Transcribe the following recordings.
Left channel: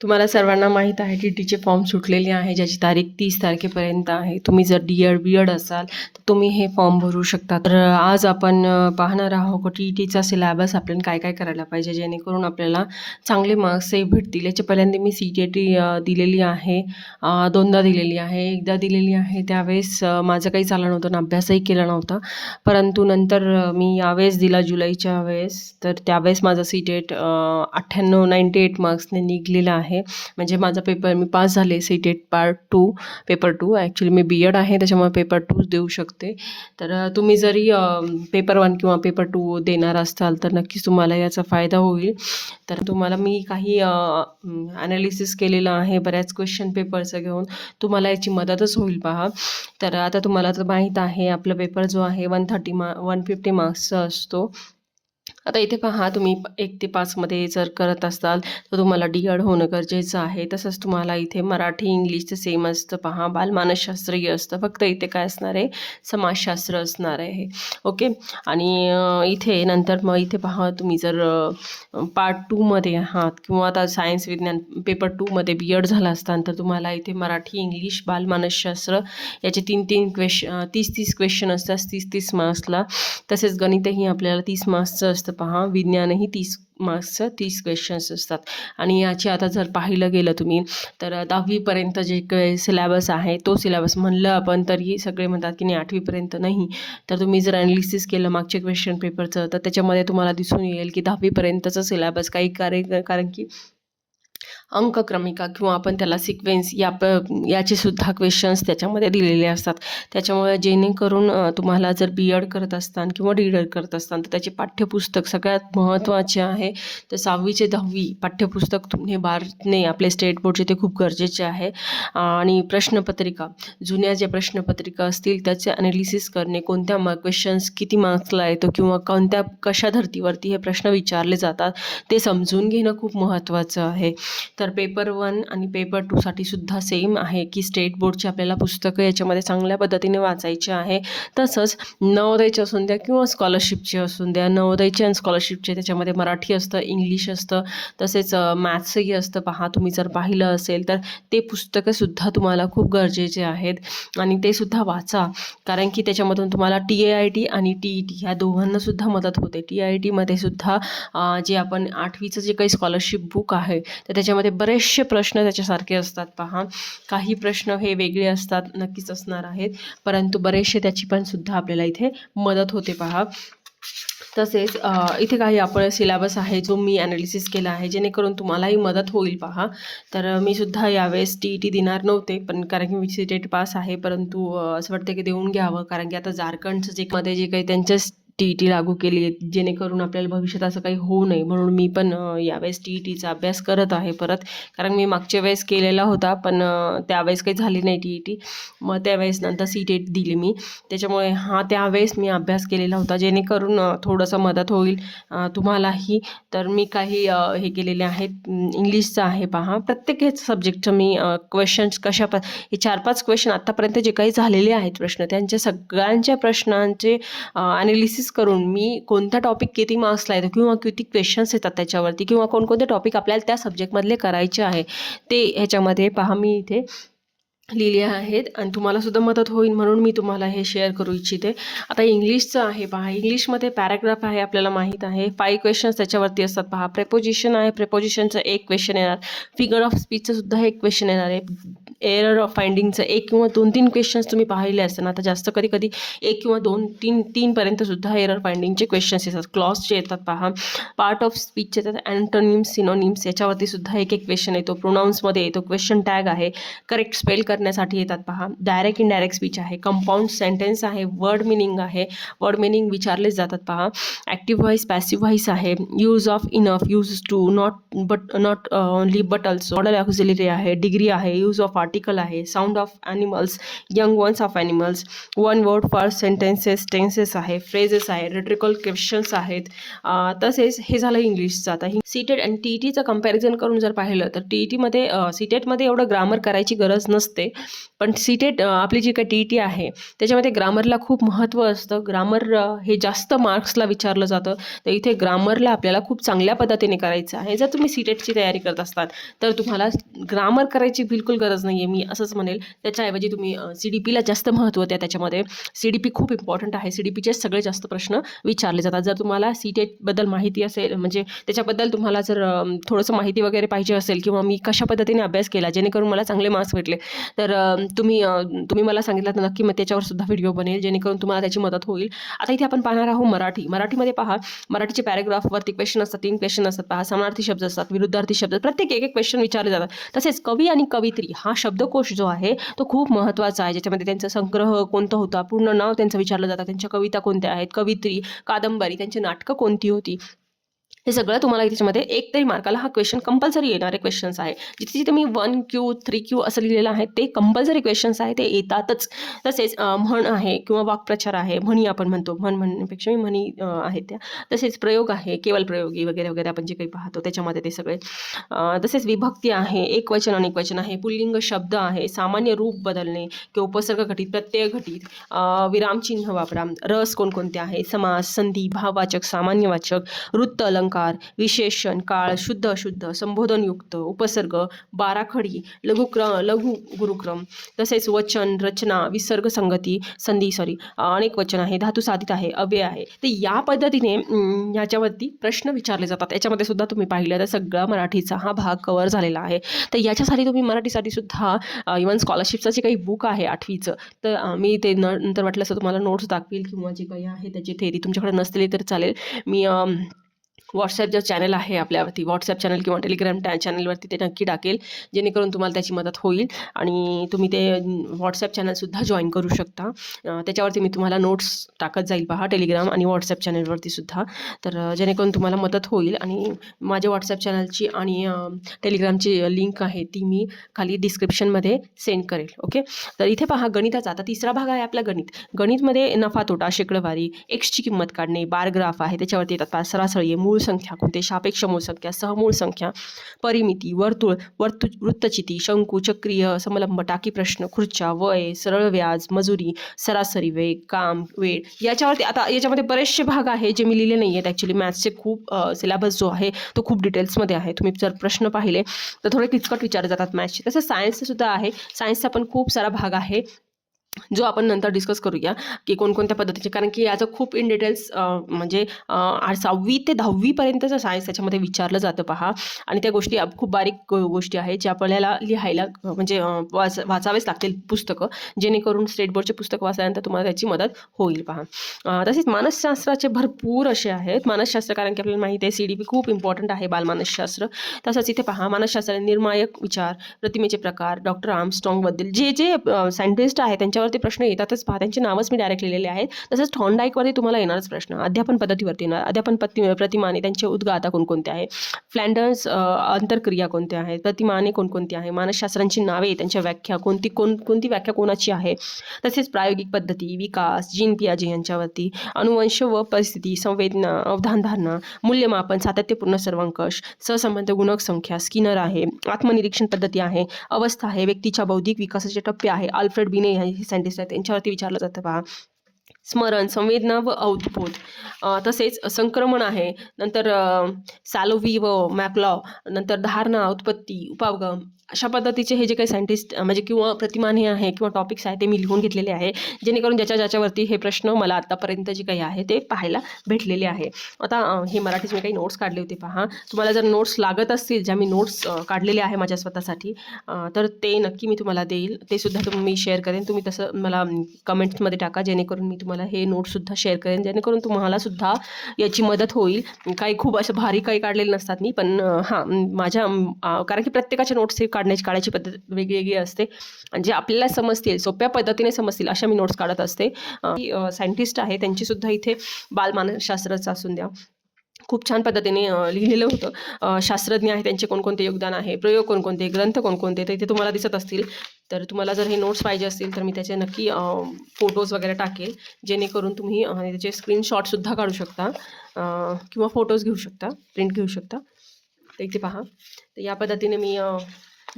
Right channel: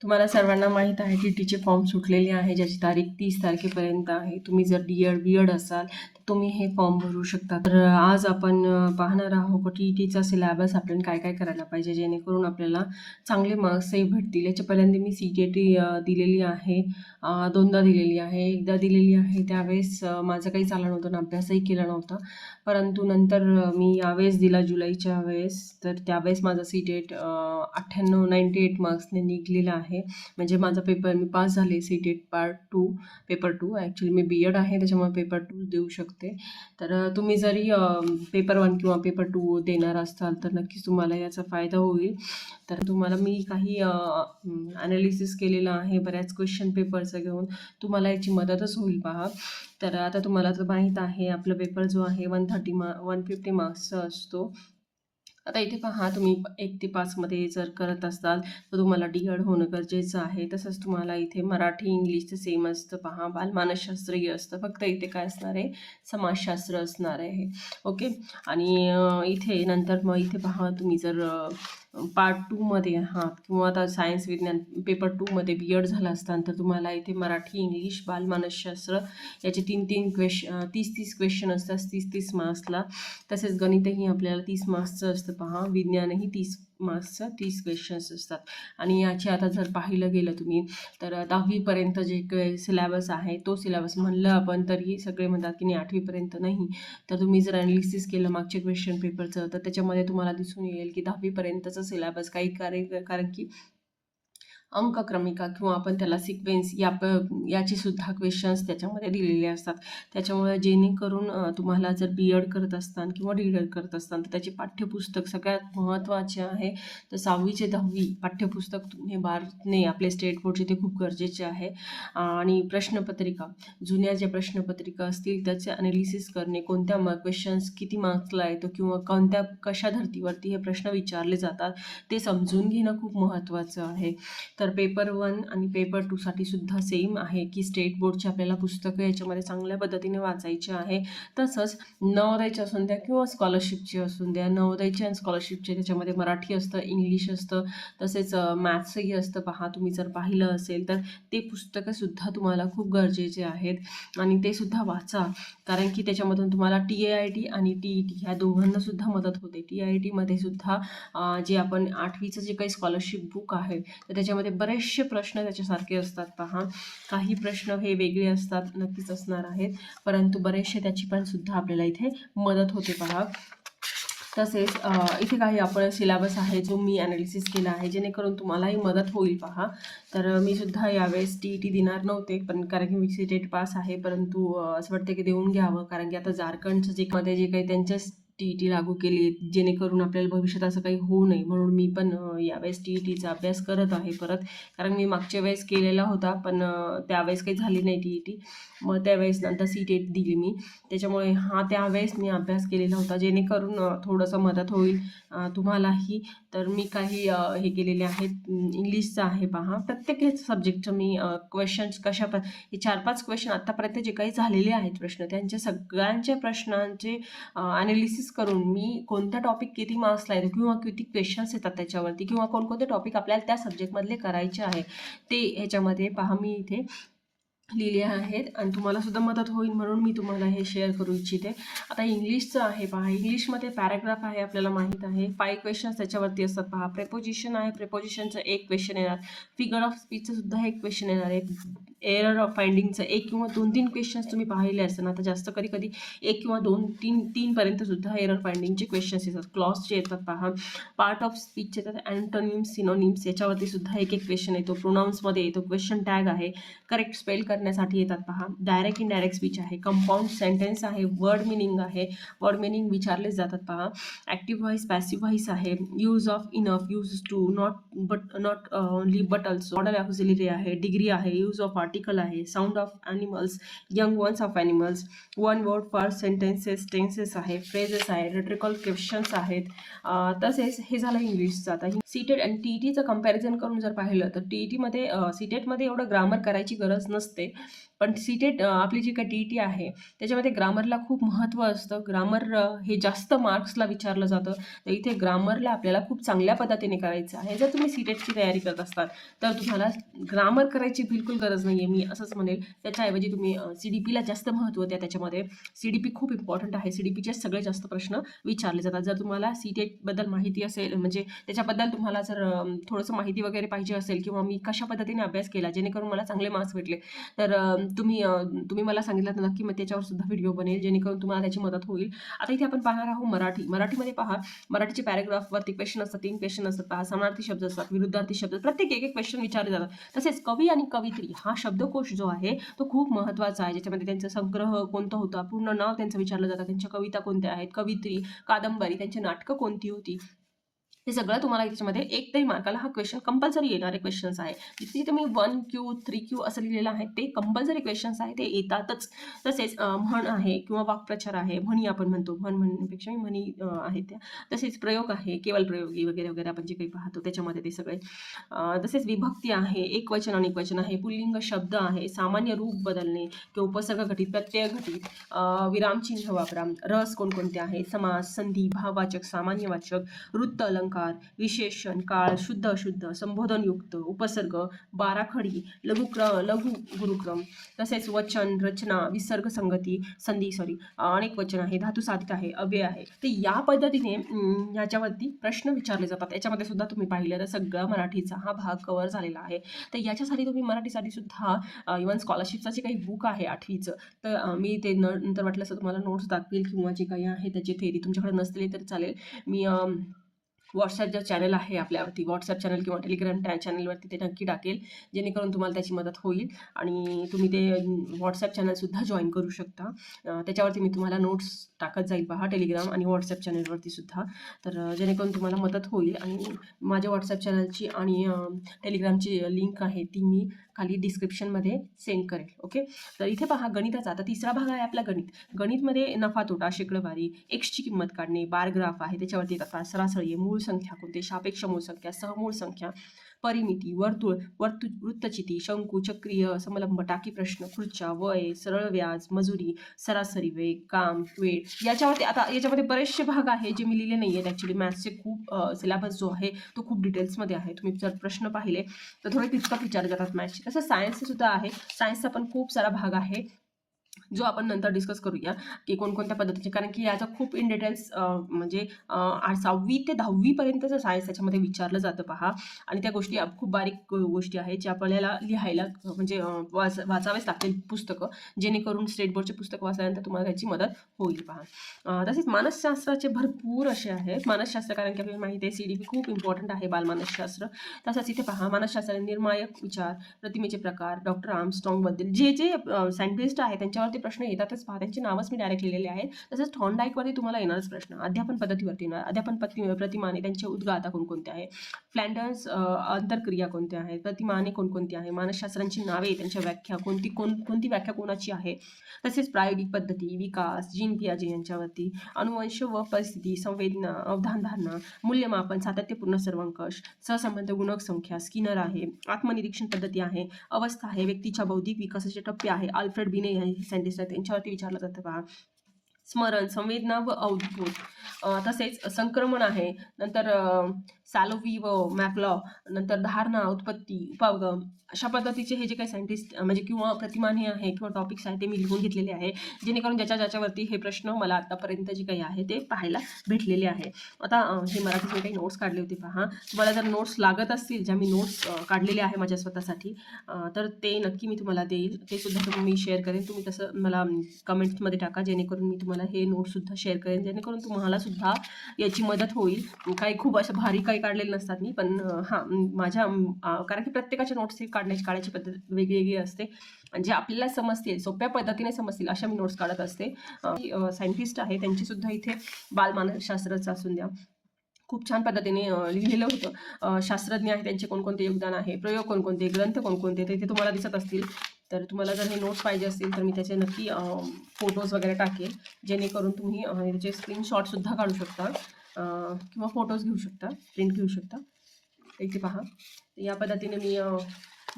तुम्हाला सर्वांना माहीत आहे टी-टीचे फॉर्म सुटलेले आहे, ज्याची तारीख 30 तारखेपर्यंत आहे. तुम्ही जर डी-एड, बी-एड असाल तर तुम्ही हे फॉर्म भरू शकता. तर आज आपण पाहणार आहोत की टी-टीचा सिलेबस आपल्याला काय काय करायला पाहिजे, जेणेकरून आपल्याला चांगले मार्क्सही भेटतील. याच्या पहिल्यांदा मी सी-टी-टी दिलेली आहे, दोनदा दिलेली आहे. एकदा दिलेली आहे त्यावेळेस माझं काही झालं नव्हतं आणि अभ्यासही केला नव्हता. परंतु नंतर मी यावेळेस दिला जुलैच्या वेळेस, तर त्यावेळेस माझा सी-टेट 98 मार्क्सने निघालेला आहे. म्हणजे माझा पेपर मी पास झाले सी-टेट पार्ट 2 पेपर 2. ॲक्च्युली मी बी-एड आहे, त्याच्यामुळे पेपर 2 देऊ शकते. तर तुम्ही जरी पेपर 1 किंवा पेपर 2 देणार असाल तर नक्कीच तुम्हाला याचा फायदा होईल. तर तुम्हाला मी काही ॲनालिसिस केलेलं आहे बऱ्याच क्वेश्चन पेपरचं घेऊन, तुम्हाला याची मदतच होईल पहा. तर आता तुम्हाला तर माहीत आहे आपला पेपर जो आहे 150 मार्क्सचा असतो. आता इथे पहा, तुम्ही 1 ते 5 मध्ये जर करत असाल तर तुम्हाला डी-एड होणं गरजेचं आहे. तसंच तुम्हाला इथे मराठी, इंग्लिशचं सेम असतं पहा. बालमानसशास्त्रही असतं, फक्त इथे काय असणार आहे, समाजशास्त्र असणार आहे. ओके. आणि इथे नंतर मग इथे पहा, तुम्ही जर पार्ट 2 मध्ये आहात किंवा आता सायन्स विज्ञान पेपर 2 मध्ये बी-एड झाला असताना तर तुम्हाला इथे मराठी, इंग्लिश, बालमानसशास्त्र याचे 30 क्वेश्चन असतात 30 मार्क्सला. तसेच गणितही आपल्याला 30 मार्क्सचं असतं पहा. विज्ञानही 30 मार्क्सचं 30 क्वेश्चन्स असतात. आणि याची आता जर पाहिलं गेलं तुम्ही तर 10वीपर्यंत जे काही सिलेबस आहे तो सिलेबस म्हणलं आपण तरी सगळे म्हणतात की नाही 8वीपर्यंत नाही. तर तुम्ही जर ॲनालिसिस केलं मागच्या क्वेश्चन पेपरचं तर त्याच्यामध्ये तुम्हाला दिसून येईल की 10वीपर्यंतचं सिलेबस काही कारण की अंकक्रमिका किंवा आपण त्याला सिक्वेन्स याचे सुद्धा क्वेश्चन्स त्याच्यामध्ये दिलेले असतात. त्याच्यामुळे जेणेकरून तुम्हाला जर बी-एड करत असताना किंवा डी-एड करत असताना तर त्याचे पाठ्यपुस्तक सगळ्यात महत्त्वाचे आहे. तर 6वी ते 10वी पाठ्यपुस्तक तुम्ही बारणे आपले स्टेट बोर्डचे ते खूप गरजेचे आहे. आणि प्रश्नपत्रिका, जुन्या ज्या प्रश्नपत्रिका असतील त्याचे ॲनालिसिस करणे, कोणत्या क्वेश्चन्स किती मार्क्सला येतो किंवा कशा धर्तीवरती हे प्रश्न विचारले जातात ते समजून घेणं खूप महत्त्वाचं आहे. तर पेपर 1 आणि पेपर 2 साठी सुद्धा सेम आहे की स्टेट बोर्डची आपल्याला पुस्तकं याच्यामध्ये चांगल्या पद्धतीने वाचायची आहे. तसंच नवोदयचे असून द्या किंवा स्कॉलरशिपचे असून द्या, नवोदयचे आणि स्कॉलरशिपचे त्याच्यामध्ये मराठी असतं, इंग्लिश असतं, तसेच मॅथ्सही असतं पहा. तुम्ही जर पाहिलं असेल तर ते पुस्तकंसुद्धा तुम्हाला खूप गरजेचे आहेत आणि ते सुद्धा वाचा. कारण की त्याच्यामधून तुम्हाला TAIT आणि TET ह्या दोघांनासुद्धा मदत होते. TITमध्ये सुद्धा जे आपण 8वीचं जे काही स्कॉलरशिप बुक आहे तर त्याच्यामध्ये बरेचसे प्रश्न त्याच्यासारखे असतात पहा. काही प्रश्न हे वेगळे असतात, नक्कीच असणार आहेत, परंतु बरेचसे त्याची पण सुद्धा आपल्याला इथे मदत होते पहा. तसेच इथे काही आपण सिलेबस आहे जो मी ॲनालिसिस केला आहे जेणेकरून तुम्हालाही मदत होईल पहा. तर मी सुद्धा यावेळेस TET देणार नव्हते, पण कारण की मी सी-टेट पास आहे, परंतु असं वाटतं की देऊन घ्यावं. कारण की आता झारखंडचं जे काही त्यांच्या TET लागू केली आहे जेणेकरून आपल्याला भविष्यात असं काही होऊ नये, म्हणून मी पण यावेळेस TETचा अभ्यास करत आहे परत. कारण मी मागच्या वेळेस केलेला होता पण त्यावेळेस काही झाली नाही TET. मग त्यावेळेस नंतर सी-टेट दिली मी, त्याच्यामुळे त्यावेळेस मी अभ्यास केलेला होता जेणेकरून थोडंसं मदत होईल तुम्हालाही. तर मी काही हे केलेले आहेत. इंग्लिशचं आहे पहा, प्रत्येक ह्याच सब्जेक्टचं मी क्वेश्चन्स हे 4-5 क्वेश्चन आत्तापर्यंत जे काही झालेले आहेत प्रश्न त्यांच्या सगळ्यांच्या प्रश्नांचे ॲनालिसिस करून मी कोणता टॉपिक किती मार्क्सला येतो किंवा किती क्वेश्चन्स येतात त्याच्यावरती किंवा कोणकोणते टॉपिक आपल्याला त्या सब्जेक्टमधले करायचे आहे ते ह्याच्यामध्ये पहा मी इथे लिहिले आहेत आणि तुम्हाला सुद्धा मदत होईल म्हणून मी तुम्हाला हे शेअर करू इच्छिते. आता इंग्लिशचं आहे पहा. इंग्लिशमध्ये पॅराग्राफ आहे, आपल्याला माहीत आहे. 5 क्वेश्चन्स त्याच्यावरती असतात पहा. प्रेपोजिशन आहे, प्रेपोजिशनचं 1 क्वेश्चन येणार. फिगर ऑफ स्पीचचं सुद्धा 1 क्वेश्चन येणार आहे. एरर ऑफ फाइंडिंगचं 1 किंवा 2-3 क्वेश्चन्स तुम्ही पाहिले असेल. आता जास्त कधी 1 किंवा 2-3 पर्यंत सुद्धा एरर फाइंडिंगचे क्वेश्चन्स येतात. क्लॉजचे येतात पहा. पार्ट ऑफ स्पीचचे येतात. अँटोनिम्स, सिनोनिम्स याच्यावरती सुद्धा 1-1 क्वेश्चन येतो. प्रोनाऊन्समध्ये येतो. क्वेश्चन टॅग आहे, करेक्ट स्पेल करण्यासाठी येतात पहा. डायरेक्ट इनडायरेक्ट स्पीच आहे, कंपाऊंड सेंटेन्स आहे, वर्ड मिनिंग आहे, वर्ड मिनिंग विचारले जातात पहा. ॲक्टिव्ह व्हॉइस, पॅसिव्ह व्हॉइस आहे, use of enough, use to, not only but also, modal auxiliary आहे, डिग्री आहे, यूज ऑफ आर्टिकल आहे, sound of animals, young ones of animals, one word for sentences, tenses आहे, phrases आहे, rhetorical questions आहेत. तसेच हे झालं इंग्लिशचं. आता ही सीटेट आणि टीईटीचं कंपॅरिझन करून जर पाहिलं तर टीईटीमध्ये सीटेटमध्ये एवढं ग्रामर करायची गरज नसते, पण सीटेट आपली जी काही टीईटी आहे त्याच्यामध्ये ग्रामरला खूप महत्त्व असतं. ग्रामर हे जास्त मार्क्सला विचारलं जातं, तर इथे ग्रामरला आपल्याला खूप चांगल्या पद्धतीने करायचं आहे. जर तुम्ही सीटेटची तयारी करत असताल तर तुम्हाला ग्रामर करायची बिलकुल गरज नाही आहे, मी असंच म्हणेल. त्याच्याऐवजी तुम्ही CDPला जास्त महत्त्व द्या. त्याच्यामध्ये CDP खूप इम्पॉर्टंट आहे. CDPचे सगळे जास्त प्रश्न विचारले जातात. जर तुम्हाला सीटेटबद्दल माहिती असेल, म्हणजे त्याच्याबद्दल तुम्हाला जर थोडंसं माहिती वगैरे पाहिजे असेल, किंवा मी कशा पद्धतीने अभ्यास केला जेणेकरून मला चांगले मार्क्स भेटले, तर तुम्ही मला सांगितलं तर नक्की मग त्याच्यावर सुद्धा व्हिडिओ बनेल, जेणेकरून तुम्हाला त्याची मदत होईल. आता इथे आपण पाहणार आहोत मराठीमध्ये पहा, मराठीचे पॅरेग्राफवरती क्वेश्चन असतात, 3 क्वेश्चन असतात पहा. समानार्थी शब्द असतात, विरुद्धार्थी शब्द, प्रत्येक एक क्वेश्चन विचारले जातात. तसेच कवी आणि कवयित्री हा शब्दकोश जो आहे तो खूप महत्त्वाचा आहे, ज्याच्यामध्ये त्यांचा संग्रह कोणता होता, पूर्ण नाव त्यांचं विचारलं जातं, त्यांच्या कविता कोणत्या आहेत, कवित्री, कादंबरी, त्यांची नाटकं कोणती होती, हे सगळं तुम्हाला त्याच्यामध्ये एक तरी मार्काला हा क्वेश्चन कंपल्सरी येणारे क्वेश्चन्स आहे. जिथे जिथे मी 1Q 3Q असं लिहिलेलं आहे ते कंपल्सरी क्वेश्चन्स आहे, ते येतातच. तसेच म्हण आहे किंवा वाक्प्रचार आहे, म्हणी आपण म्हणतो, म्हणण्यापेक्षा मी म्हणी आहेत त्या. तसेच प्रयोग आहे, केवळ प्रयोगी वगैरे वगैरे आपण जे काही पाहतो त्याच्यामध्ये ते सगळे. तसेच विभक्ती आहे, एकवचन अनेकवचन आहे, पुल्लिंग शब्द आहे, सामान्य रूप बदलणे किंवा उपसर्ग घटित, प्रत्यय घटित, विरामचिन्ह वापरा, रस कोणकोणते आहे, समास, संधी, भाववाचक, सामान्यवाचक, वृत्त, अलंकार, विशेषण, काळ, शुद्ध अशुद्ध, संबोधनयुक्त, उपसर्ग, बाराखडी, लघु गुरुक्रम, तसेच वचन, रचना, विसर्ग, संगती, अनेक वचन आहे, धातू साधित आहे, अव्यय आहे. तर या पद्धतीने याच्यावरती प्रश्न विचारले जातात. याच्यामध्ये सुद्धा तुम्ही पाहिलं तर सगळा मराठीचा हा भाग कव्हर झालेला आहे. तर याच्यासाठी तुम्ही मराठीसाठी सुद्धा इव्हन स्कॉलरशिपचं जे काही बुक आहे 8वीचं, तर मी ते नंतर वाटलं असं तुम्हाला नोट्स दाखवील, किंवा जे काही आहे त्याची थेरी तुमच्याकडे नसलेली तर चालेल. मी व्हॉट्सॲप जो चॅनल आहे आपल्यावरती, व्हॉट्सॲप चॅनल किंवा टेलिग्राम चॅनलवरती ते नक्की टाकेल, जेणेकरून तुम्हाला त्याची मदत होईल आणि तुम्ही ते व्हॉट्सॲप चॅनलसुद्धा जॉईन करू शकता. त्याच्यावरती मी तुम्हाला नोट्स टाकत जाईल पहा, टेलिग्राम आणि व्हॉट्सॲप चॅनलवरती सुद्धा. तर जेणेकरून तुम्हाला मदत होईल. आणि माझ्या व्हॉट्सॲप चॅनलची आणि टेलिग्रामची लिंक आहे ती मी खाली डिस्क्रिप्शनमध्ये सेंड करेल. ओके. तर इथे पहा गणिताचा आता तिसरा भाग आहे आपला गणितमध्ये नफा तोटा, शेकडेवारी, एक्सची किंमत काढणे, बार ग्राफ आहे, त्याच्यावरती येतात सरासरी, मूळ संख्या कोणते, सापेक्ष मूळ संख्या, सहमूळ संख्या, परिमिती, वर्तुळ, वृत्तचिती, शंकू, चक्रीय, समलंब, टाकी प्रश्न, खुर्च्या, वय, सरळ व्याज, मजुरी, सरासरी वेग, काम, वेळ, याच्यावरती. आता याच्यामध्ये बरेचसे भाग आहे जे मी लिहिले नाही आहेत. ॲक्च्युली मॅथ्सचे खूप सिलेबस जो आहे तो खूप डिटेल्समध्ये आहे. तुम्ही जर प्रश्न पाहिले तर थोडे किचकट विचारले जातात मॅथ्सचे. तसं सायन्सचे सुद्धा आहे. सायन्सचा पण खूप सारा भाग आहे जो आपण नंतर डिस्कस करूया की कोणकोणत्या पद्धतीचे, कारण की याचं खूप इन डिटेल्स म्हणजे 6वी ते 10वीपर्यंतचं सायन्स त्याच्यामध्ये विचारलं जातं पहा. आणि त्या गोष्टी खूप बारीक गोष्टी आहेत ज्या आपल्याला लिहायला म्हणजे वाचावेच लागतील पुस्तकं, जेणेकरून स्टेट बोर्डचे पुस्तक वाचल्यानंतर तुम्हाला त्याची मदत होईल पहा. तसेच मानसशास्त्राचे भरपूर असे आहेत मानसशास्त्र, कारण की आपल्याला माहिती आहे CDP खूप इम्पॉर्टंट आहे बालमानसशास्त्र. तसंच इथे पहा मानसशास्त्र, निर्णायक विचार, प्रतिमेचे प्रकार, डॉक्टर आर्मस्ट्रॉंगबद्दल जे जे सायंटिस्ट आहे त्यांच्यावरती प्रश्न येतातच पहा, त्यांचे नावच मी डायरेक्ट लिहिलेले आहेत. तसंच थॉर्नडाईकवरती तुम्हाला येणारच प्रश्न, अध्यापन पद्धतीवरती येणार, अध्यापन प्रतिमाने त्यांचे उद्गाता कोणकोणते आहे, फ्लॅन्डर्स अंतरक्रिया कोणत्या आहेत, प्रतिमाने कोणकोणती आहे, मानसशास्त्रांची नावे, त्यांच्या व्याख्या कोणती व्याख्या कोणाची आहे, तसेच प्रायोगिक पद्धती, विकास, जीन पियाजे यांच्यावरती, अनुवंश व परिस्थिती, संवेदना, अवधानधारणा, मूल्यमापन, सातत्यपूर्ण सर्वंकष, सहसंबंध गुणक संख्या, स्किनर आहे, आत्मनिरीक्षण पद्धती आहे, अवस्था आहे, व्यक्तीच्या बौद्धिक विकासाचे टप्पे आहे, अल्फ्रेड बिने हे सायंटिस्ट आहेत त्यांच्यावरती विचारलं जातं पहा. स्मरण, संवेदना व अवबोध, तसेच संक्रमण आहे, नंतर सॅलोव्ही व मॅक्लॉ, नंतर धारणा, उत्पत्ती, उपागम, अशा पद्धतीचे हे जे काही सायंटिस्ट म्हणजे किंवा प्रतिमाने आहे किंवा टॉपिक्स आहे ते मी लिहून घेतलेले आहे, जेणेकरून ज्याच्यावरती हे प्रश्न मला आत्तापर्यंत जे काही आहे ते पाहायला भेटलेले आहे. आता हे मराठीचे मी काही नोट्स काढले होते पहा. तुम्हाला जर नोट्स लागत असतील, ज्या मी नोट्स काढलेले आहे माझ्या स्वतःसाठी, तर ते नक्की मी तुम्हाला देईल, ते सुद्धा मी शेअर करेन. तुम्ही तसं मला कमेंट्समध्ये टाका, जेणेकरून मी तुम्हाला हे नोट्ससुद्धा शेअर करेन, जेणेकरून तुम्हाला सुद्धा याची मदत होईल. काही खूप असं भारी काही काढलेले नसतात मी, पण माझ्या कारण की प्रत्येकाच्या नोट्स काढायची पद्धत वेगवेगळी असते, जे आपल्याला समजतील, सोप्या पद्धतीने समजतील अशा मी नोट्स काढत असते. सायंटिस्ट आहे त्यांची सुद्धा इथे बालमानसशास्त्राचं असून द्या खूप छान पद्धतीने लिहिलेलं होतं. शास्त्रज्ञ आहे त्यांचे कोणकोणते योगदान आहे, प्रयोग कोणकोणते, ग्रंथ कोणकोणते, तर इथे तुम्हाला दिसत असतील. तर तुम्हाला जर हे नोट्स पाहिजे असतील तर मी त्याचे नक्की फोटोज वगैरे टाकेल, जेणेकरून तुम्ही त्याचे स्क्रीनशॉटसुद्धा काढू शकता किंवा फोटोज घेऊ शकता, प्रिंट घेऊ शकता. तर इथे पहा, तर या पद्धतीने मी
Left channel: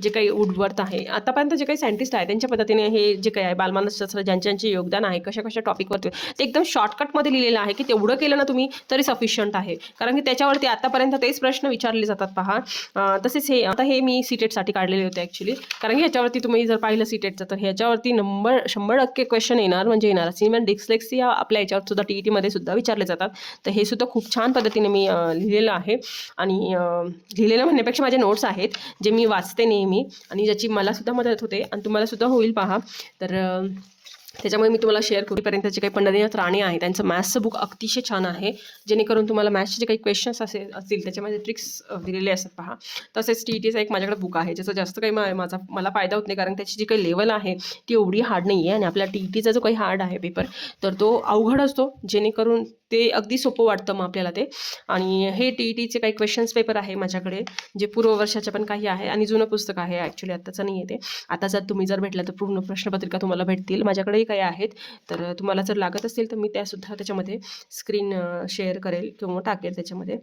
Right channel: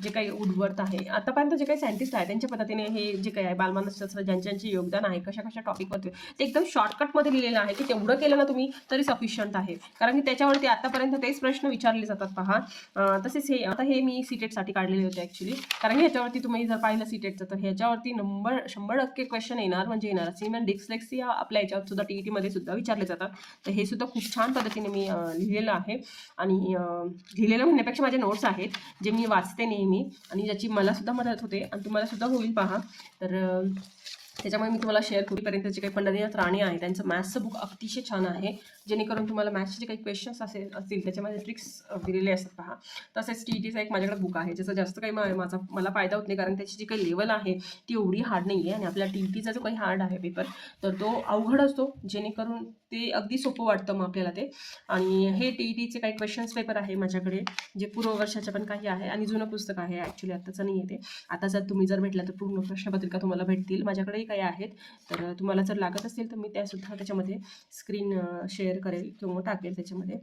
जे काही उडवर्थ आहे, आतापर्यंत जे काही सायंटिस्ट आहे त्यांच्या पद्धतीने हे जे काही आहे बालमानसशास्त्र ज्यांचे योगदान आहे कशा कशा टॉपिकवरती ते एकदम शॉर्टकटमध्ये लिहिलेलं आहे की तेवढं केलं ना तुम्ही तरी सफिशियंट आहे. कारण की त्याच्यावरती आतापर्यंत तेच प्रश्न विचारले जातात पहा. तसेच हे आता हे मी सीटेटसाठी काढलेले होते ॲक्च्युली, कारण की ह्याच्यावरती तुम्ही जर पाहिलं सीटेटचं तर ह्याच्यावरती 100% क्वेश्चन येणार म्हणजे येणार. सिमेंट डिस्लेक्सिया आपल्या याच्यावर सुद्धा TET सुद्धा विचारले जातात. तर हे सुद्धा खूप छान पद्धतीने मी लिहिलेलं आहे. आणि लिहिलेलं म्हणण्यापेक्षा माझे नोट्स आहेत जे मी वाचते नेहमी आणि ज्याची मला सुद्धा मदत होते आणि तुम्हाला सुद्धा होईल पहा. तर त्याच्यामुळे मी तुम्हाला शेअर करूपर्यंतचे काही पंढरीनाथ राणे आहे त्यांचं मॅथ्सचं बुक अतिशय छान आहे, जेणेकरून तुम्हाला मॅथ्सचे जे काही क्वेश्चन्स असतील त्याच्यामध्ये ट्रिक्स दिलेले असतात पहा. तसेच TETचं एक माझ्याकडे बुक आहे ज्याचा जास्त काही मला फायदा होत नाही, कारण त्याची जी काही लेवल आहे ती एवढी हार्ड नाही आहे. आणि आपल्या TETचा जो काही हार्ड आहे पेपर तर तो अवघड असतो, जेणेकरून ते अगदी सोपं वाटतं मग आपल्याला ते. आणि हे TETचे काही क्वेश्चन्स पेपर आहे माझ्याकडे, जे पूर्व वर्षाचे पण काही आहे आणि जुनं पुस्तक आहे ॲक्च्युली, आत्ताचं नाही आहे ते. आता जर तुम्ही जर भेटलं तर पूर्ण प्रश्नपत्रिका तुम्हाला भेटतील, माझ्याकडेही काही आहेत. तर तुम्हाला जर लागत असतील तर मी त्यासुद्धा त्याच्यामध्ये स्क्रीन शेअर करेल किंवा टाकेल त्याच्यामध्ये.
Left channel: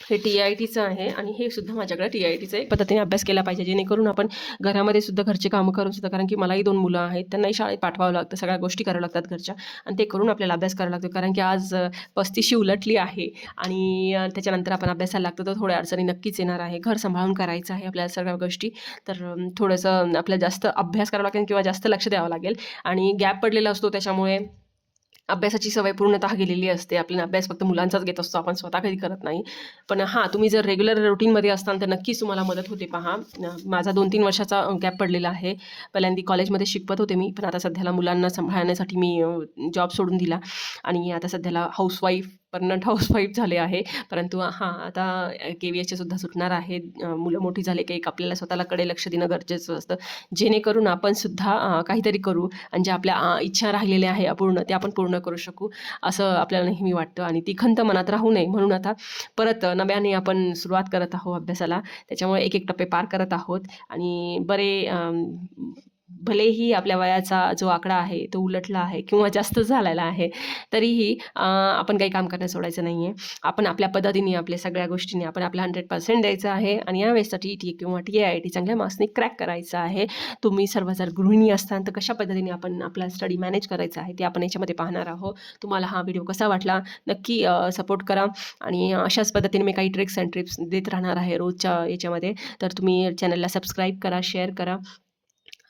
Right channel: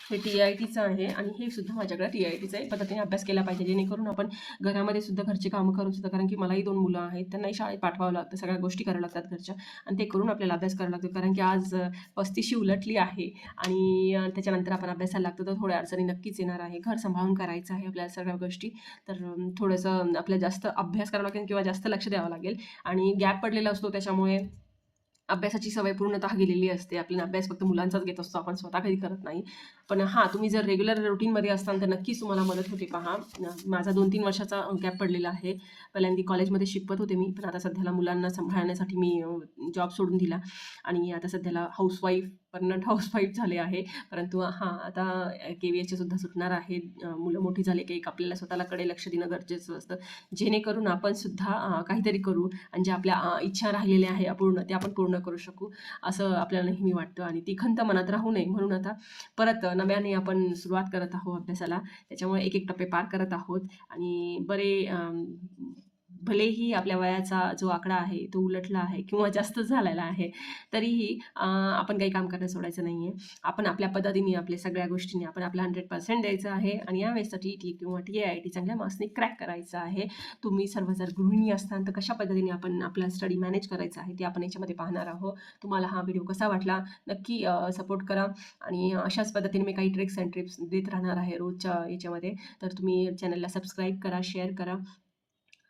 हे TITचं आहे आणि हे सुद्धा माझ्याकडे TITचं एक पद्धतीने अभ्यास केला पाहिजे, जेणेकरून आपण घरामध्ये सुद्धा घरचे कामं करून सुद्धा, कारण की मलाही 2 मुलं आहेत, त्यांनाही शाळेत पाठवावं लागतं, सगळ्या गोष्टी कराव्या लागतात घरच्या आणि ते करून आपल्याला अभ्यास करावा लागतो. कारण की आज 35शी उलटली आहे आणि त्याच्यानंतर आपण अभ्यासाला लागतो तर थोड्या अडचणी नक्कीच येणार आहे. घर सांभाळून करायचं आहे आपल्याला सगळ्या गोष्टी, तर थोडंसं आपल्याला जास्त अभ्यास करावा लागेल किंवा जास्त लक्ष द्यावं लागेल. आणि गॅप पडलेला असतो त्याच्यामुळे अभ्यासाची सवय पूर्णतः गेलेली असते. आपल्याला अभ्यास फक्त मुलांचाच घेत असतो, आपण स्वतः कधी करत नाही. पण हां, तुम्ही जर रेग्युलर रुटीनमध्ये असताल तर नक्कीच तुम्हाला मदत होते पहा. माझा 2-3 वर्षाचा गॅप पडलेला आहे. पहिल्यांदा कॉलेजमध्ये शिकवत होते मी, पण आता सध्याला मुलांना सांभाळण्यासाठी मी जॉब सोडून दिला आणि आता सध्याला परमनंट हाऊसवाईफ झाले आहे. परंतु हां, आता KVSचे सुद्धा सुटणार आहेत. मुलं मोठी झाले की एक आपल्याला स्वतःकडे लक्ष देणं गरजेचं असतं, जेणेकरून आपण सुद्धा काहीतरी करू आणि ज्या आपल्या इच्छा राहिलेल्या आहे अपूर्ण त्या आपण पूर्ण करू शकू, असं आपल्याला नेहमी वाटतं. आणि ती खंत मनात राहू नये म्हणून आता परत नव्याने आपण सुरुवात करत आहोत अभ्यासाला. त्याच्यामुळे एक टप्पे पार करत आहोत आणि भलेही आपल्या वयाचा जो आकडा आहे तो उलटला आहे किंवा जास्त झालेला आहे, तरीही आपण काही काम करणं सोडायचं नाही आहे. आपण आपल्या पद्धतीने आपल्या सगळ्या गोष्टींनी आपण आपला 100% द्यायचं आहे आणि यावेळेसचा TET किंवा TIT चांगल्या मार्क्सने क्रॅक करायचं आहे. तुम्ही सर्व जर गृहिणी असताल तर कशा पद्धतीने आपण आपला स्टडी मॅनेज करायचा आहे ते आपण याच्यामध्ये पाहणार आहोत. तुम्हाला हा व्हिडिओ कसा वाटला नक्की सपोर्ट करा आणि अशाच पद्धतीने मी काही ट्रिक्स अँड टिप्स देत राहणार आहे रोजच्या याच्यामध्ये. तर तुम्ही चॅनलला सबस्क्राईब करा, शेअर करा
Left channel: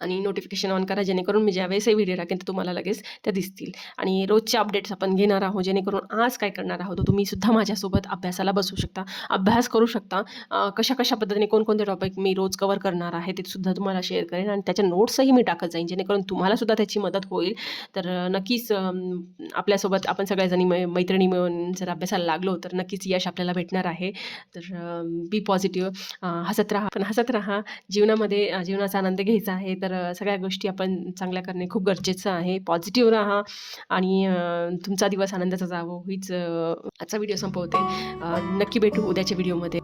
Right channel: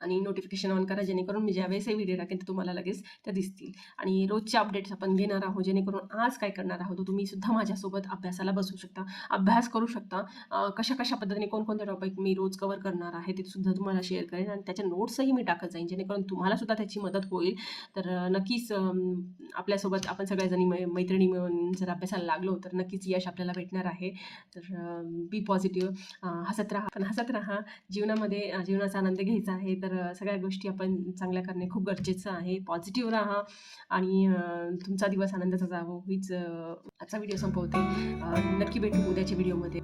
आणि नोटिफिकेशन ऑन करा, जेणेकरून मी ज्यावेळेसही व्हिडिओ टाकेन तर तुम्हाला लगेच त्या दिसतील. आणि रोजचे अपडेट्स आपण घेणार आहोत, जेणेकरून आज काय करणार आहोत तुम्ही सुद्धा माझ्यासोबत अभ्यासाला बसू शकता, अभ्यास करू शकता. कशा कशा पद्धतीने कोणकोणते टॉपिक मी रोज कवर करणार आहे ते सुद्धा तुम्हाला शेअर करेन आणि त्याच्या नोट्सही मी टाकत जाईन, जेणेकरून तुम्हाला सुद्धा त्याची मदत होईल. तर नक्कीच आपल्यासोबत आपण सगळ्याजणी मैत्रिणी मिळून जर अभ्यासाला लागलो तर नक्कीच यश आपल्याला भेटणार आहे. तर बी पॉझिटिव्ह, हसत राहा, पण हसत राहा. जीवनाचा आनंद घ्यायचा आहे, तर सगळ्या गोष्टी आपण चांगल्या करणे खूप गरजेचं आहे. पॉझिटिव्ह राहा आणि तुमचा दिवस आनंदाचा जावो हीच आजचा व्हिडिओ संपवते. नक्की भेटू उद्याच्या व्हिडिओमध्ये.